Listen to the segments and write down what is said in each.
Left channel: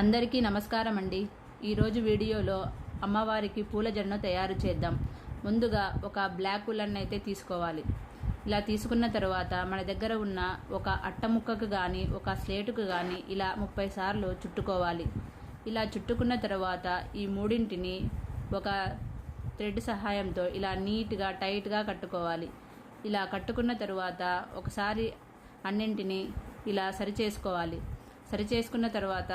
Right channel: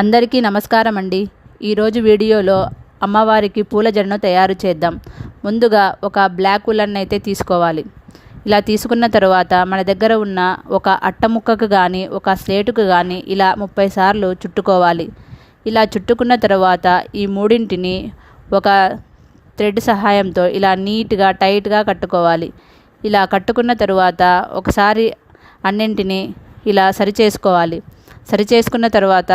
అందరికీ నమస్కారం అండి. ఈరోజు వీడియోలో అమ్మవారికి పూల జడను తయారు చేద్దాం. ముందుగా ఒక బ్లాక్ ఉలన్ అయితే తీసుకోవాలి. ఇలా తీసుకున్న తర్వాత మన దగ్గర ఉన్న ఒక అట్ట ముక్కకు కానీ ఒక స్లేటుకు కానీ ఇలా 30 సార్లు చుట్టుకోవాలి. ఇలా చుట్టుకున్న తర్వాత ఈ మూడింటిని ఒక థ్రెడ్ సహాయంతో ఇలా నీట్గా టైట్గా కట్టుకోవాలి. ఇలా కట్టుకున్న తర్వాత ఒకసారి అన్నింటినీ ఇలా సరి చేసుకోవాలి. సరి చేసుకున్న తర్వాత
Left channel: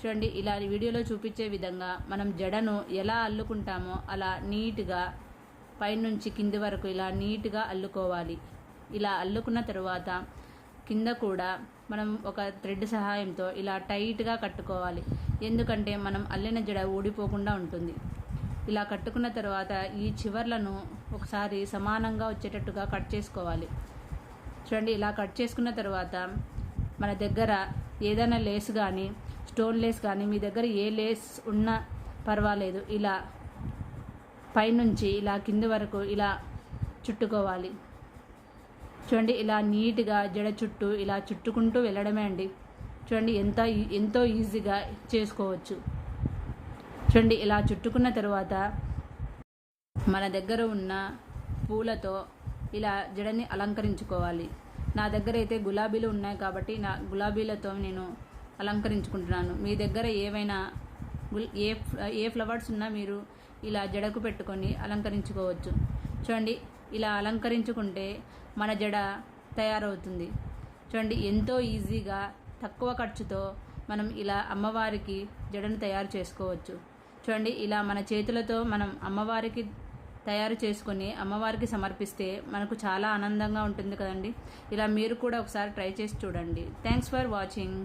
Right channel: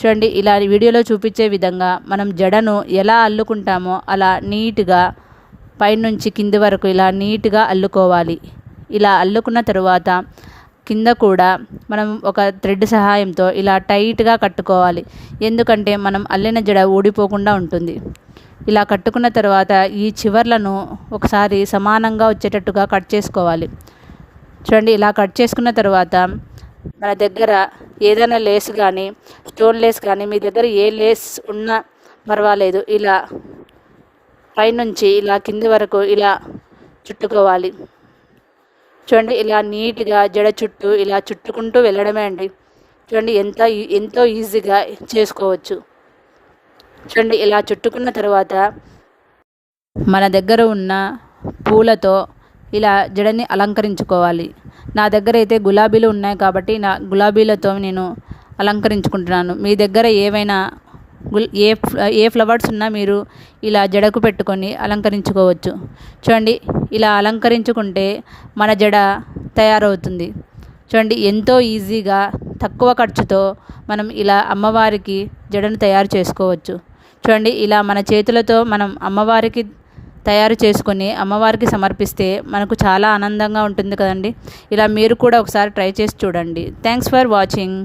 చూడండి, ఇలా వీడియోలో చూపించే విధంగా మనం జడను ఎలా అల్లుకుంటామో అలా నీట్గా పైనుంచి కింది వరకు ఇలా నీట్గా అల్లుకోవాలి. ఇలా అల్లుకున్న తర్వాత కింద కూడా మనం ఒక థ్రెడ్ సహాయంతో ఇలా టైట్గా కట్టుకోవాలి. ఎందుకంటే మనం అల్లిన జడ ఊడిపోకుండా ఉంటుంది. ఇలా కట్టుకున్న తర్వాత ఈ చివర్లను ఒకసారి సమానంగా వచ్చేటట్టుగా కట్ చేసుకోవాలి. చూడండి, ఇలా కట్ చేసుకున్న తర్వాత మన దగ్గర ఏదైనా లేస్ కానీ స్టోన్ లేస్ కానీ మీ దగ్గర ఏ లేస్ ఉన్నా పర్వాలేదు, ఇలా పైనుంచి ఇలా కింది వరకు ఇలా చుట్టుకోవాలి. చూడండి, ఇలా నీట్గా జడ చుట్టూ ఇలా చుట్టుకుంటూ వెళ్ళడమే అండి. చూడండి, ఎంతో ఈజీగా చేసుకోవచ్చు. చూడండి, ఇలా చుట్టుకున్న తర్వాత మన దగ్గర ఉన్న పూలతో ఇలా జడని అలంకరించుకోవాలి. నా దగ్గర అయితే గులాబీలు ఉన్నాయి కాబట్టి నా గులాబీలతో నేను అలంకరించుకుంటున్నాను. మీ దగ్గర ఏవైనా ఏ ఫ్లవర్స్ ఉన్నా మీరు ఇలా జడకు పెట్టుకొని అలంకరించుకోవచ్చు. చూడండి, ఇలా అలంకరించుకుంటే మన జడ తయారవుతుంది. చూడండి, ఎంతో ఈజీగా తక్కువ ఖర్చుతో మనం ఇలా అమ్మవారికి జడను తయారు చేసుకోవచ్చు. చూడండి, ఇలా మన చేతులతో మనం అమ్మవారికి తయారు చేసుకొని అమ్మవారికి సమర్పిస్తే మనకు చాలా ఆనందంగా ఉంటుంది కదండి. ఇలా మీరు కూడా ఒకసారి ట్రై చేసి చూడండి. Thanks for watching.